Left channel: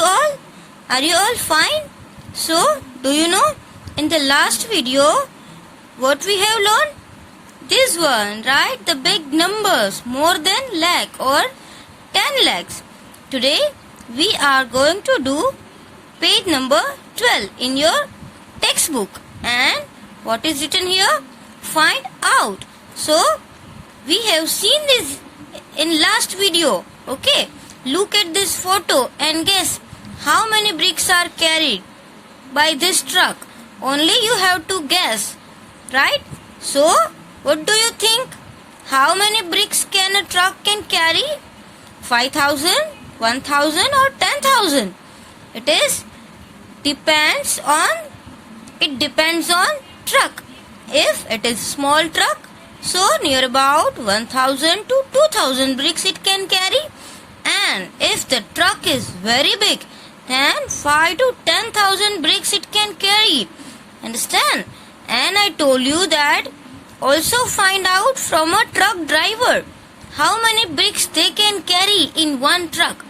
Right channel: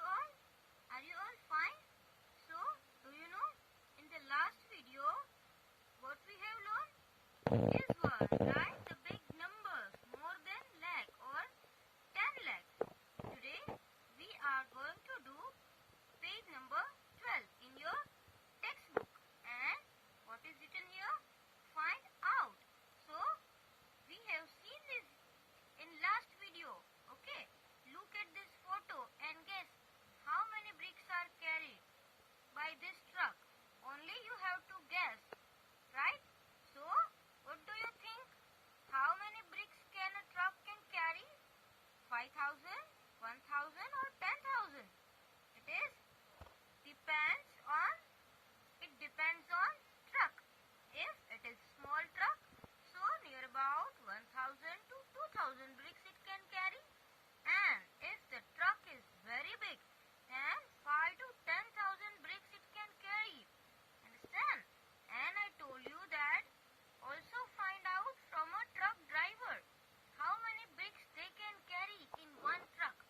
you all? Are you all fine? So, do you know in the last video what we have learned? This one, right? The big numbers more than lakh or 10 lakhs. Today we are going to do page number 12 in your textbook. And what is written here? Find out. So, we have seen this in last video. Okay, look at this photo and guess how many bricks are carried by this truck. Only you have to guess, right? So, what do you think? How many bricks can a truck can carry? 5,000, 1,000 or 10,000? It depends on truck. If it is small truck, so near about 1,000 to 2,000 bricks it can carry. And if the truck is very big, then 5 to 10,000 bricks it can carry. Understand? And I told you that also find out from a truck driver how many bricks they can carry in one truck.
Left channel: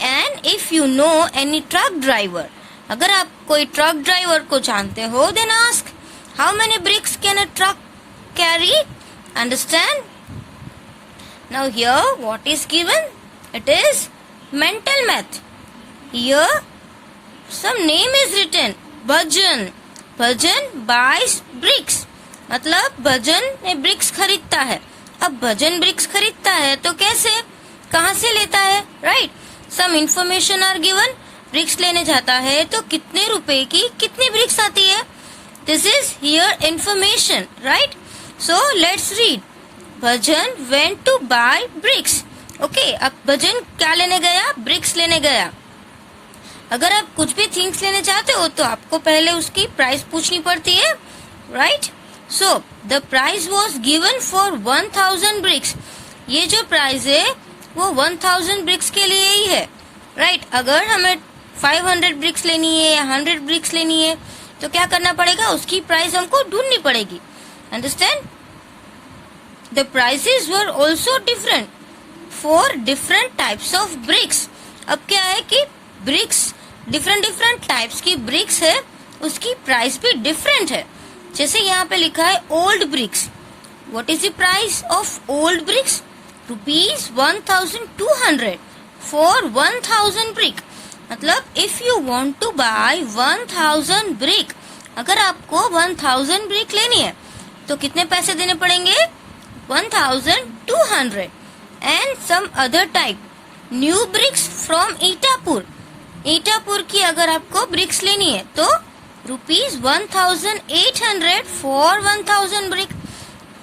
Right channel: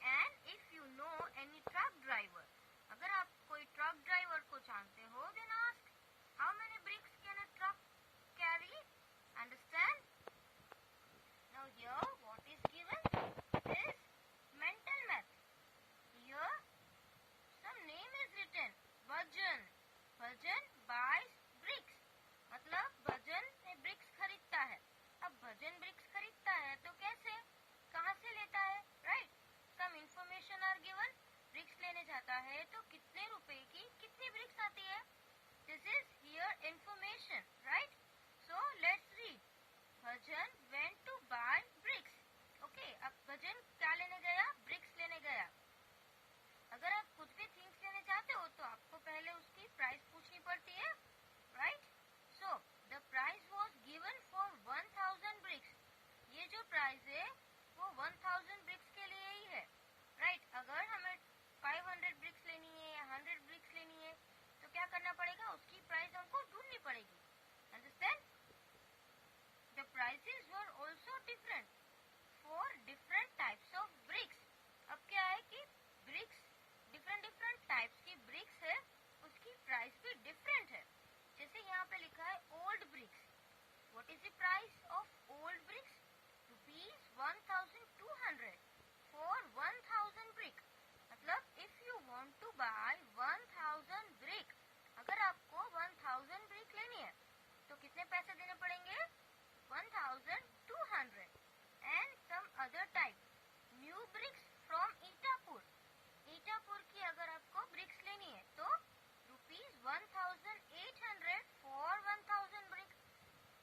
And if you know any truck driver, अगर आप कोई truck driver को जानते हो, then ask how many bricks can a truck carry? Understand? Now here what is given? It is mental math. Here some name is written. Bhajan. Bhajan buys bricks. मतलब भजन ने BRICS खरीदता है. अब भजन BRICS खरीदता है तो कैसे, कहाँ से लेता है, right? Some information are given. Bricks लेने जाता है तो कितने रुपए की कितनी ब्रिक्स आती है? This is here information, right? So let's read. Bhajan went to buy bricks. Okay, अब भजन क्या लेने गया? ब्रिक्स लेने गया. अगर आप कुछ भी थिंग्स लेने चाहते हो तो आपको पहले उसकी प्राइस पूछनी पड़ती है, right? So the price was given for 1,000 bricks. ये जो प्राइस है वो 1,000 ब्रिक्स के लिए ही है, राइट? अगर हमें 500 ब्रिक्स लेनी है या 100 ब्रिक्स लेनी है तो क्या करना पड़ेगा? उसकी प्राइस हमको ढूंढनी पड़ेगी. Understand? The prices were also different for different types of BRICS. अब क्या है कि ब्रिक्स डिफरेंट टाइप्स की ब्रिक्स है, उसकी प्राइस भी डिफरेंट है. जैसे यहाँ पे लिखा है old bricks. What is the price of old bricks? ₹1,200 for 1,000 brick. मतलब if you want to buy 1,000 brick, अगर आपको 1,000 ब्रिक लेनी है तो कितने पैसे देने पड़ेंगे? 1,200. And some other type new bricks from Itapur. Itapur की अगर आपको ब्रिक्स लेनी है तो ₹1,800 फॉर 1,000 ब्रिक.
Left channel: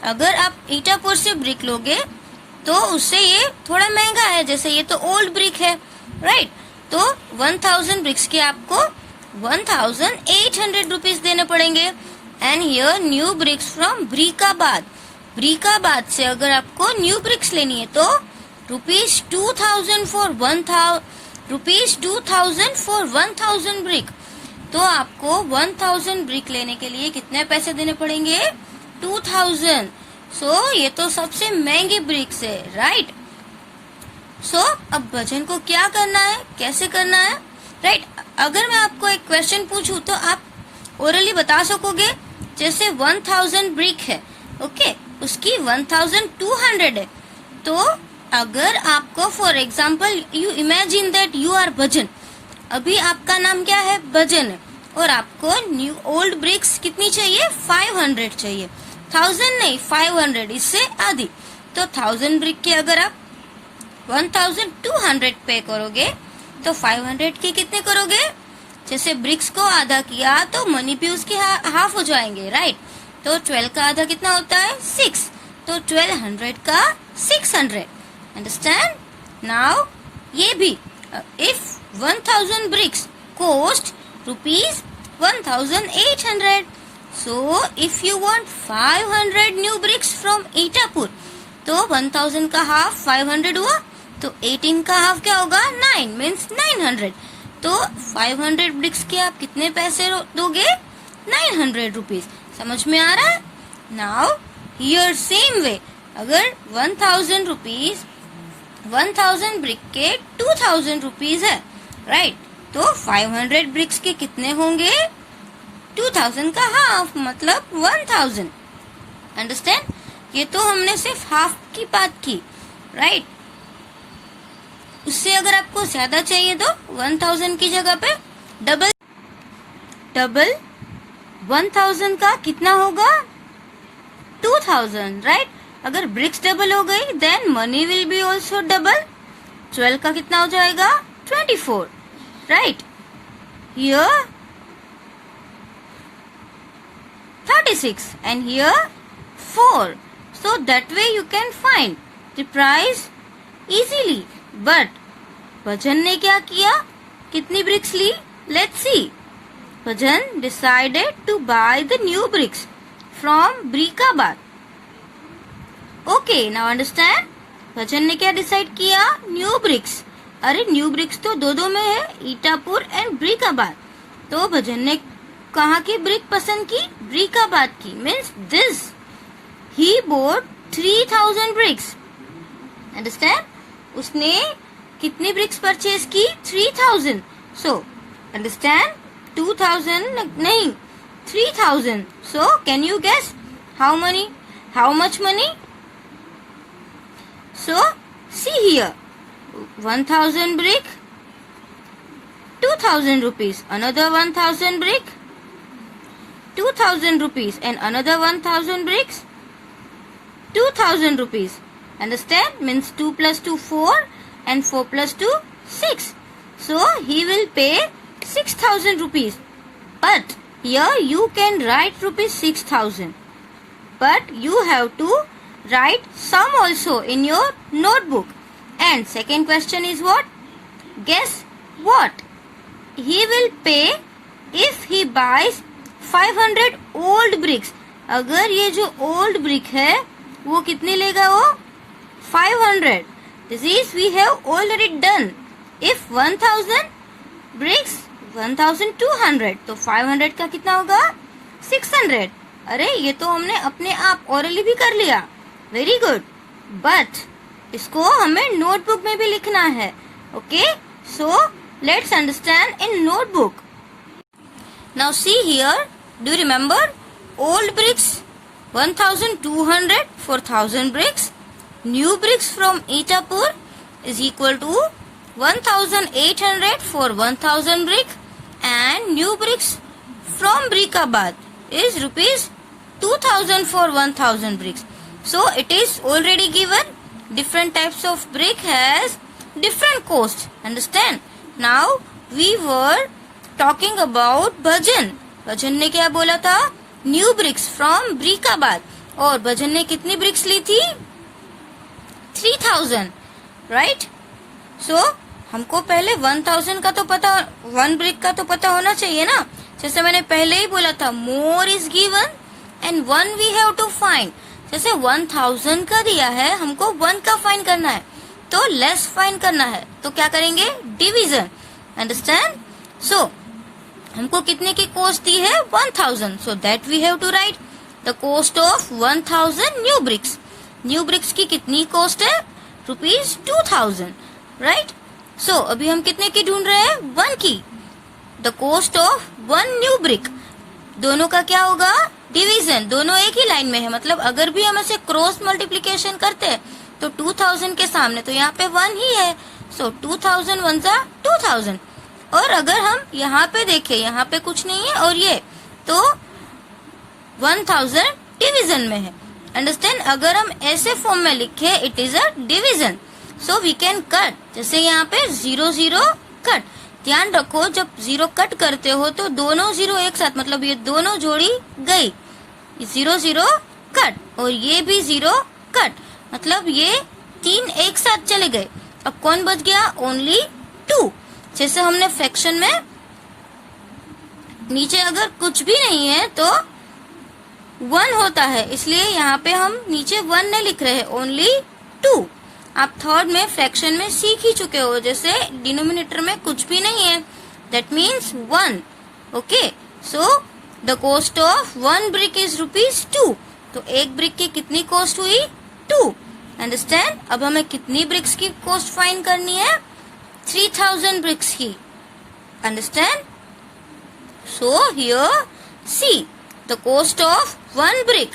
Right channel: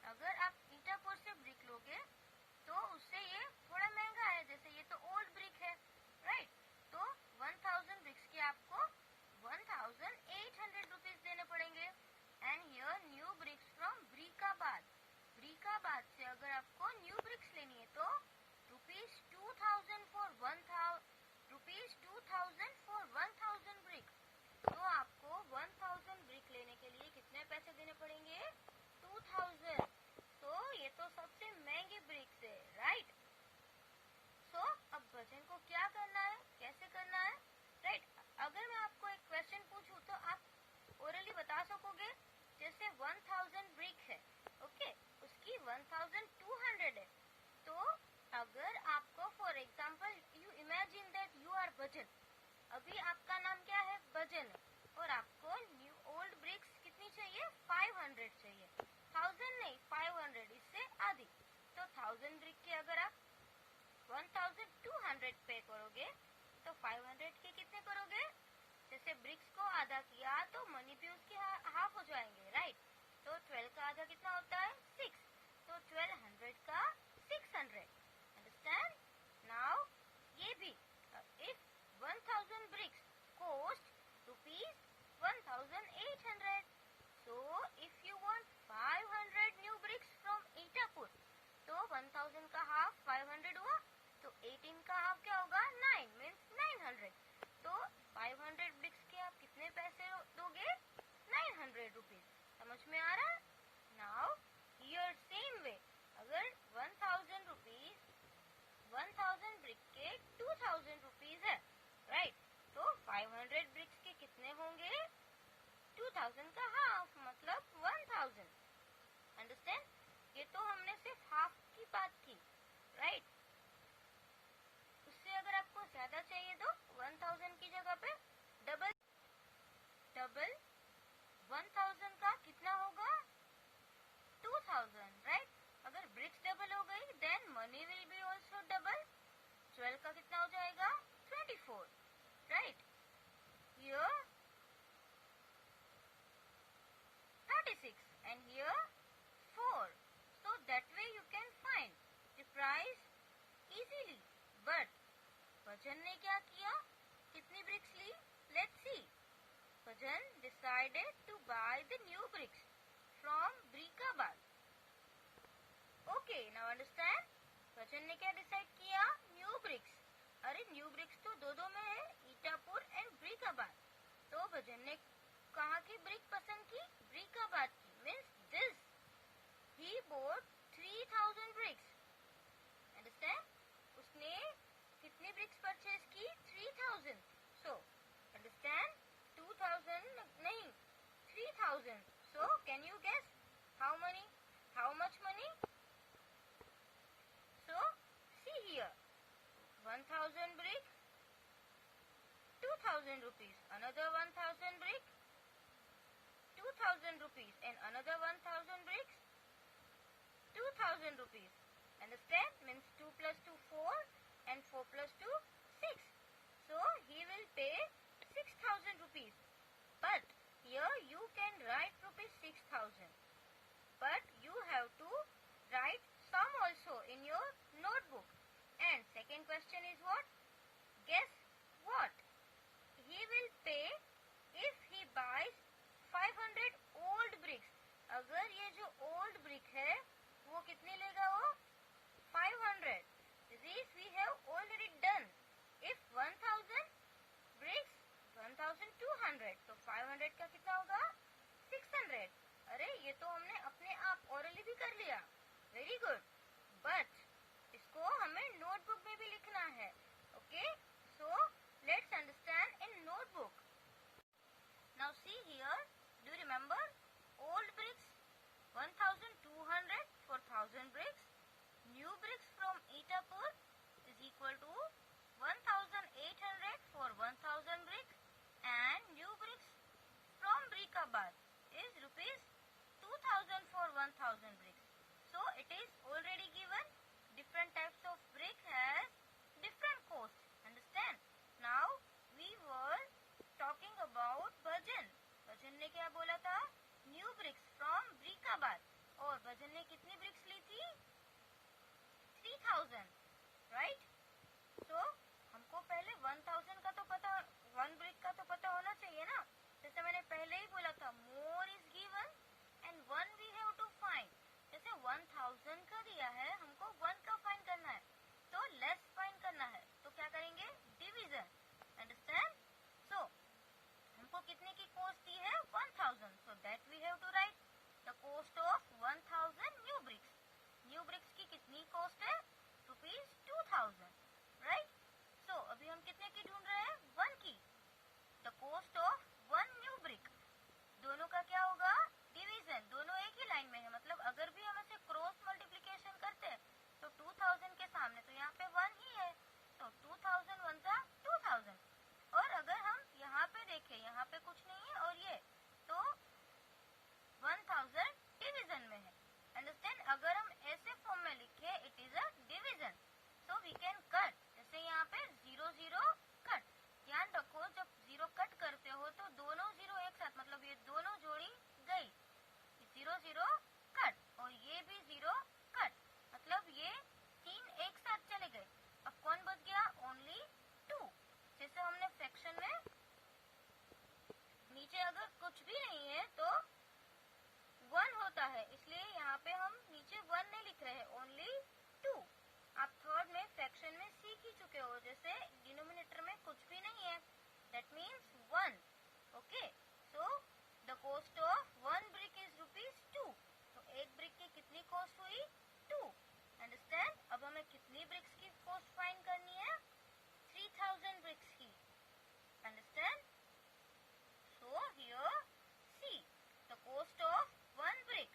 अगर आप ईटापुर से ब्रिक लोगे तो उससे ये थोड़ा महंगा है, जैसे ये तो ओल्ड ब्रिक है, राइट? तो 1,000 ब्रिक्स के आपको 1,800 रुपीज देने पड़ेंगे. And here new bricks from Brickabad. Brickabad से अगर आपको न्यू ब्रिक्स लेनी है तो ₹2,000 फॉर 1,000 ब्रिक. तो आपको 1,000 ब्रिक लेने के लिए कितने पैसे देने पड़ेंगे? 2,000. सो ये तो सबसे महंगी ब्रिक्स है, राइट? सो अब भजन को क्या करना है, कैसे करना है, राइट? अगर मैं आपको एक क्वेश्चन पूछूं तो आप ओरली बता सकोगे. जैसे 1,000 ब्रिक है, ओके, उसकी 1,200 है. तो अगर आपको for example you imagine that you are Bhajan. अभी आपका नाम क्या है? भजन है. और आपको न्यू ओल्ड ब्रिक्स कितनी चाहिए? 500 चाहिए. 1,000 नहीं, 500, इससे आधी. तो 1,000 ब्रिक की अगर आप 1,200 पे करोगे तो 500 की कितने करोगे? जैसे ब्रिक्स को आधा किया तो मनी भी उसके हाफ हो जाएंगे, राइट? तो 12 का आधा कितना होता है? 6. तो 1200 का 600. अंडरस्टैंड? नाउ ये भी if 1,000 bricks cost ₹1,800. So if you want 500 new bricks from Itapur, तो 1,000 का हाफ 500 हुआ, तो 18 का हाफ क्या होगा? 9 means 900. तो 500 bricks के आप कितने पैसे दोगे? 900 रुपीज. समझ में आ रहा है? Now here same way, अगर 1,000 रुपीज 1,000 ब्रिक के 2,000 रुपीज है, राइट? तो 500 ब्रिक्स के कितने होंगे? 2000 का हाफ, मतलब 1000। अंडरस्टैंड? ये तो हमने सिर्फ हाफ की बात की, राइट? उससे अगर आपको ज्यादा चाहिए तो 1000 की जगह पे डबल 1000 का कितना होगा? 2000, राइट? अगर ब्रिक्स डबल हो गई then money will be also double. 12 का कितना हो जाएगा? 24, right? Here 36 and here 4. So that way you can find the price easily. But Bhajan ने क्या किया? कितनी ब्रिक्स ली? Let's see. Bhajan decided to buy the new bricks from Brikabad. Okay, now understand? Bhajan ने क्या डिसाइड किया? New bricks. अरे new bricks तो दो में है, ईटापुर एंड ब्रिकाबाद। तो भजन ने कहाँ की ब्रिक पसंद की? ब्रिकाबाद की। Means this he bought 3000 bricks. Understand? उसने कितनी ब्रिक्स परचेज की? 3000। So understand? 2000 नहीं, 3000. So can you guess how much money? So see here, 1000 brick, 2000 rupees. Another 1000 brick, 2000 rupees, and another 1000 bricks, 2000 rupees. Understand? Means 2 plus 2 4 and 4 plus 2 6. So he will pay 6000 rupees. But here you can write rupees 6000. But you have to write sum also in your notebook. And second question is what? Guess what? He will pay if he buys 500 old bricks. अगर ये जो old brick है वो कितनी लेगा? वो 500. This is we have already done. If 1000 bricks 1200, तो 500 का कितना होगा? 600. अरे ये तो हमने अपने आप orally भी कर लिया. Very good. But इसको हमें नोटबुक में भी लिखना है. Okay? So let's understand in notebook. Now see here. Do you remember? Old bricks 1200 for 1000 bricks. New bricks from Itapur is equal to 1800 for 1000 brick, and new bricks from Brikabad is rupees 2000 for 1000 bricks. So it is already given. Different types of brick has different cost. Understand? Now we were talking about Bhajan. Bhajan ने क्या बोला था? New bricks from Brikabad. और भजन ने कितनी bricks ली थी? 3000, right? सो हमको पहले 1000 का तो पता, 1 ब्रिक का तो पता होना चाहिए ना. जैसे मैंने पहले ही बोला था, more is given and 1 we have to find. जैसे 1000 का दिया है, हमको 1 का फाइंड करना है, तो लेस फाइंड करना है, तो क्या करेंगे? डिवीजन. अंडरस्टैंड? सो हमको कितने की कॉस्ट दी है? 1000. So that we have to write the cost of 1000 new bricks. New bricks की कितनी कॉस्ट है? Rupees 2000, right? सो अभी हम कितने की ढूंढ रहे हैं? 1 की. The cost of 1 new brick. दोनों का क्या होगा? डिवीजन. दोनों एक ही लाइन में है, मतलब अगर भी हम ऐसे क्रॉस मल्टीप्लीकेशन करते हैं तो 2000 के सामने तो यहाँ पे 1 ही है. सो 2000 1 जा 2000. और अगर हम यहाँ पे देखें, यहाँ पे कुछ नहीं है और ये, तो 1000 डिवीजन में है. अंडरस्टैंड? अगर हम ऐसे फॉर्म में लिखे, it is a division. So we can cut. जैसे यहाँ पे 0 0 कट. ध्यान रखो, जब 0 कट करते हो तो दोनों 0 एक साथ, मतलब ये दोनों जोड़ी गई. 0 0 कट और ये भी 0 कट, मतलब ये 3 एक साथ चले गए. अब कौन बच गया? ओनली 2. जैसे हमने फ्रैक्शन में नीचे अगर कुछ भी नहीं है तो 1 होता है, इसलिए यहाँ पे हम नीचे 1 नहीं लिख रहे हैं, ओनली 2. आप थर्ड में फ्रैक्शन में सीख ही चुके हो, जैसे डिनोमिनेटर में कुछ भी नहीं है, that means 1. Okay? So the cost of 1 brick is rupees 2. तो एक ब्रिक की कितनी कॉस्ट हुई? 2. अंडरस्टैंड? अब हमें कितनी ब्रिक्स की कॉस्ट फाइंड करनी है? 3000 ब्रिक्स की. Understand? So here, see, the cost of one brick.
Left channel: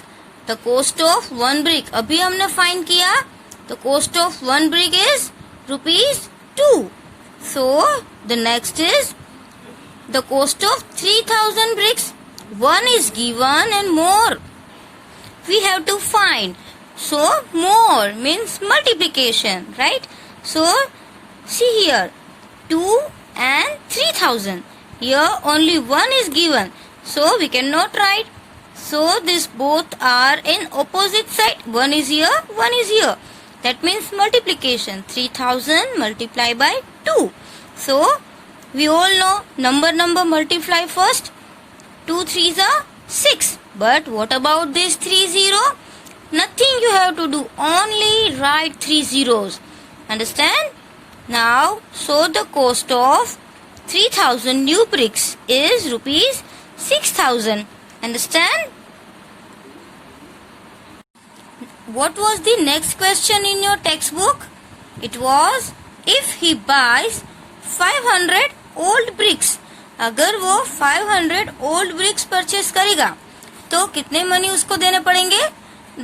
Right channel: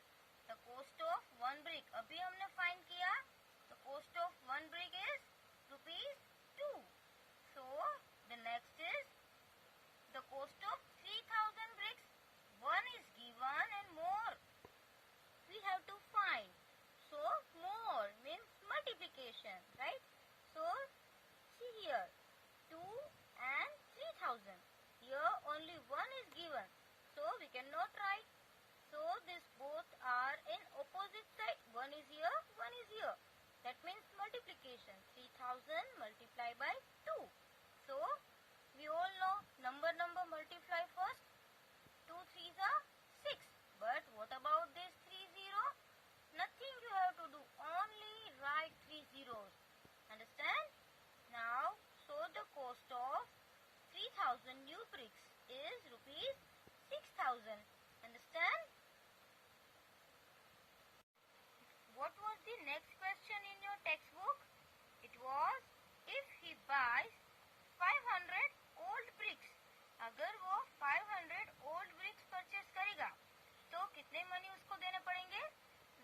The cost of one brick. अभी हमने find किया. The cost of one brick is ₹2. So the next is the cost of 3000 bricks. One is given and more we have to find. So more means multiplication, right? So see here, 2 and 3000. Here only one is given, so we cannot write. So this both are in opposite side. One is here, one is here. That means multiplication. 3000 multiplied by 2. So we all know number multiply first. 2 3s are 6. But what about this 30? Nothing you have to do. Only write 3 zeros. Understand? Now, so the cost of 3000 new bricks is ₹6,000. Understand? What was the next question in your textbook? It was, if he buys 500 old bricks. अगर वो 500 old bricks purchase करेगा तो कितने money उसको देने पड़ेंगे?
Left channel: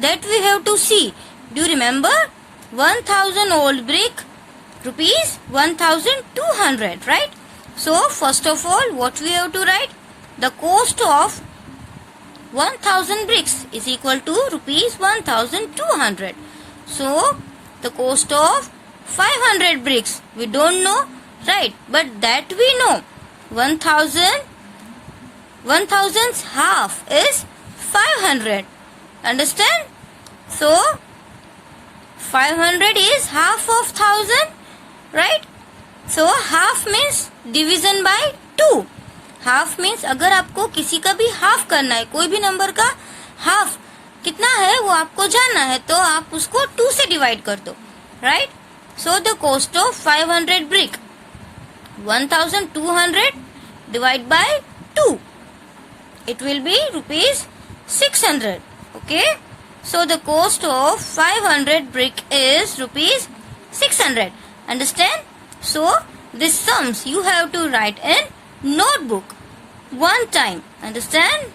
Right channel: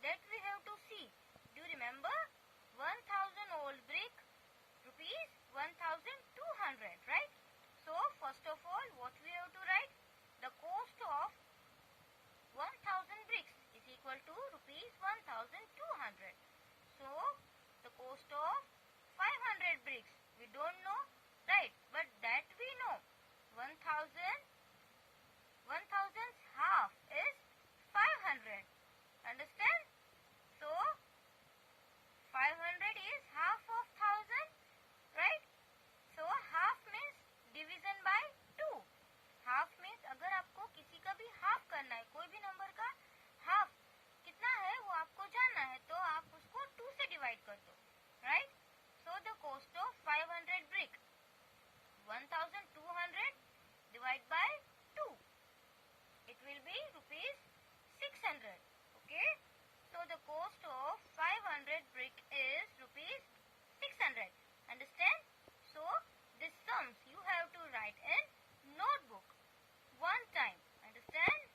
That we have to see. Do you remember? 1000 old brick, ₹1200, right? So first of all, what we have to write? The cost of 1000 bricks is equal to ₹1200. So the cost of 500 bricks we don't know, right? But that we know. 1000's half is 500. Understand? So 500 is half of 1000, right? So half means division by 2. Half means अगर आपको किसी का भी half करना है, कोई भी number का हाफ कितना है वो आपको जानना है, तो आप उसको 2 से डिवाइड कर दो, right? So the cost of 500 brick 1200 divide by 2, it will be ₹600. Okay, so the cost of 500 brick is ₹600. Understand? So these sums you have to write in notebook one time. Understand?